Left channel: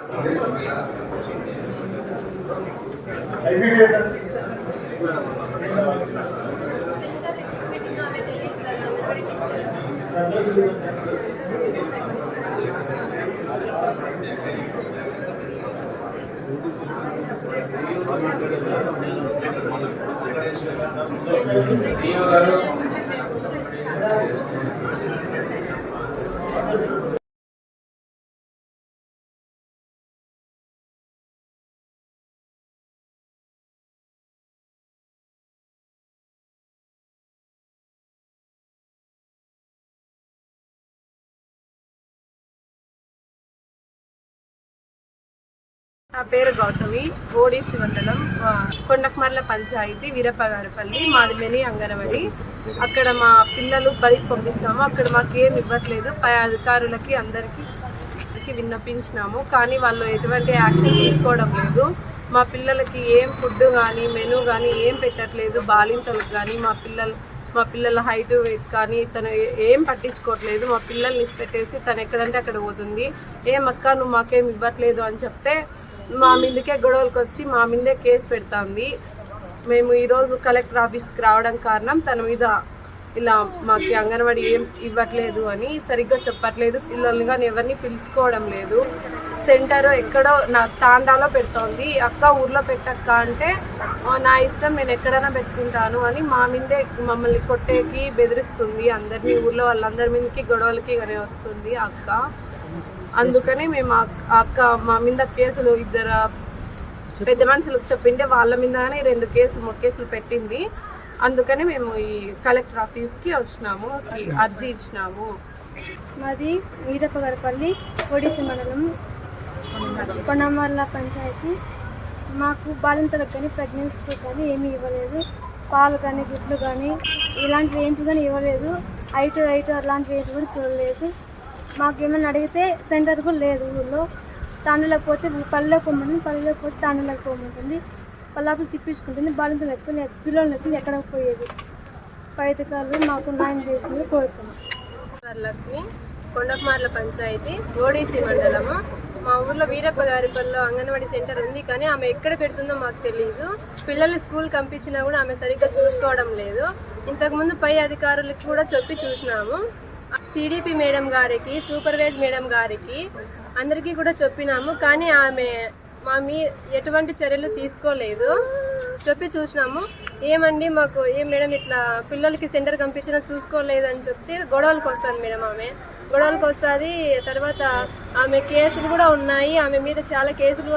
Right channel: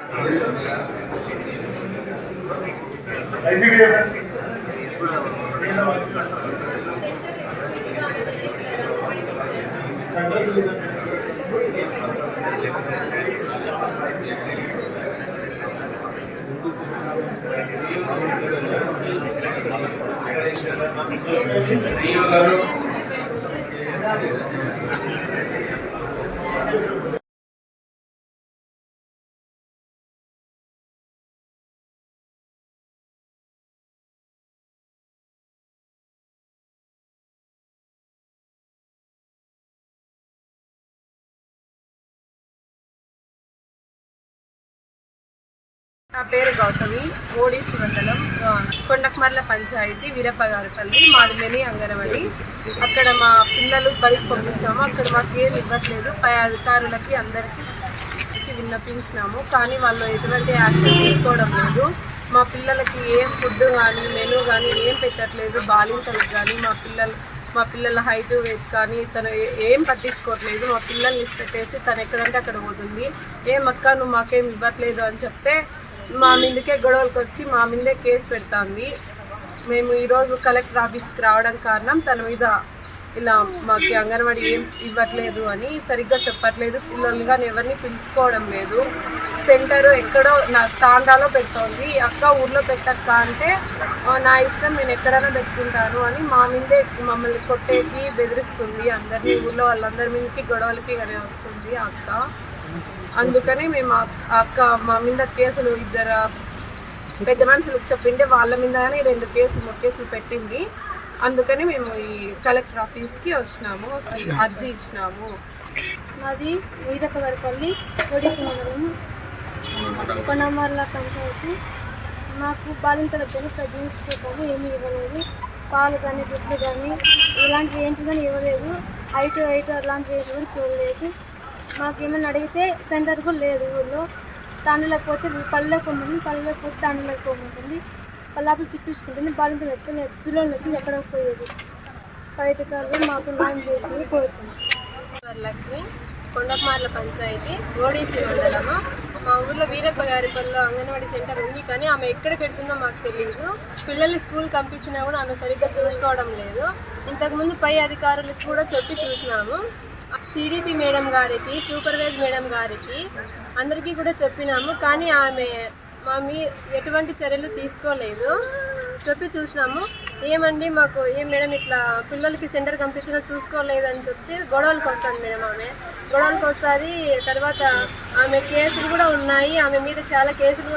నా పేరు గౌతమి. ఓడిసి మండలం కొండకమర్ల పంచాయతీ వీరప్పగారిపల్లి. మాది మినీ అంగన్వాడి. అక్కడ మా పిల్లలు బడికి పంపిస్తాము. అక్కడ మాకు ఏమి ఇవ్వట్లేదు. పై అధికారులకి అందరికీ విన్నపించినాము, కానీ వాళ్ళు ఎటువంటి యాక్షన్ తీసుకోవడం లేదు. మా పిల్లలకి ఏం ఫుడ్ కానీ మెనూ కానీ ఏం పెట్టట్లేదు. బాలింతలకు కానీ మా పిల్లల హైట్ వెయిట్ కానీ తను ఏం పట్టించుకోవట్లేదు. మా పిల్లల్ని ఇష్టపెట్టేసి తను ఎక్కడంటే అక్కడ పోతుంది. ఏమక్క నువ్వు మాకేం ఇవ్వట్లేదు అని చెప్తే మా మీదకే గొడవలకు వచ్చి మా మీదే కేసు పెడుతుంది. మేము ఈరోజు కలెక్టర్ ఆఫీస్కి రావడానికి కారణం తన మీద ఇలా మాకు అంగన్వాడీ ఏం ఇవ్వట్లేదు అని, సరిగ్గా చెప్పట్లేదు, పిల్లల్ని కానీ ఎవరిని పిలుచుకోవడం లేదు. సెంటరు ఎక్కడో నా తాండాలో పెడుతోంది. అక్క ఊర్లో పెట్టక్క అంటే నా ఇష్టం, నేను ఎక్కడైనా పెట్టుకుంటాను అని మా మీదే మమ్మల్ని కొట్టేకి బెదిరిస్తుంది. అందరినీ ఊర్లో వాళ్ళందరి మీదకి గొడవలకి కానీ వస్తుంది అక్క. అందుకని మేము అక్క మా మీద కేసులు ఇద్దరు పెద్ద మనుషులకు చెప్పింటే వాళ్ళ మీదనే 2 కేసులు పెట్టింది. అందుకని మేము ఈ కలెక్టర్ ఆఫీస్కి వచ్చినాము, అర్జీ ఇచ్చినాము. మాది వీరప్పగారిపల్లి ఒడిసి మండలం కొండమర్ల పంచాయతీ. మాకు బాలింతలకు కానీ ప్రెగ్నెన్సీకి కానీ ఏమీ ఇవ్వలేదు. పాలు కానీ గుడ్లు కానీ ఇలాంటివి ఏంటి కానీ ఇవ్వలేదు. హైట్ అలాంటివి ఏంటి కూడా చూడలేదు. మాకేమైనా అడిగితే సెంటర్ కూడా లేదు. ఊళ్ళో తాండలకు పోతే పల్లెలకు పోమంటుంది, పల్లెలకు పోతే తాండలకు పోమంటుంది. పల్లాపులు తిప్పించుకుంటుంది. బాలింతలు ఎత్తుకుని పిల్లలు ఎత్తుకుని ఎక్కడికి పోయేది. పై అధికారులు మాకు న్యాయం చేసింది కోరుతున్నాం. వరలక్ష్మి, కొండకమర్ల పంచాయతీ, ఓడిసి మండలము. మా ఊర్లో వీరప్పగారిపల్లిలో అంగన్వాడీ సెంటర్ ఉంది, కానీ ఆమె ఎక్కడ పెడుతుందో మాకు తెలియదు. పిల్లల్ని స్కూల్ పంపించినా కూడా ఆమె సరిగ్గా చూసుకోవడం లేదు. ఇంతకుముందు పై అధికారులకు కూడా చెప్పి చూసినాము. సిడిపి మేడం గారికి, సూపర్వైజ్ మేడం గారికి అందరికీ కూడా చెప్పినాము, కానీ ఆమె మా ఎటువంటి చర్యలు తీసుకోలేదు. చెప్పి చూసినాము. ఏమండి మాకు మేడం ఇట్లా పిల్లలకి సెంటర్ పంపించినా చూసుకోలేదని చెప్తే గొడవలకు వస్తుంది మేడం. ఆమె గొడవలకు వస్తుంది. తర్వాత ఆమె కేసులు కూడా ఉన్నాయి. ఆమె మీద చాలా కేసులు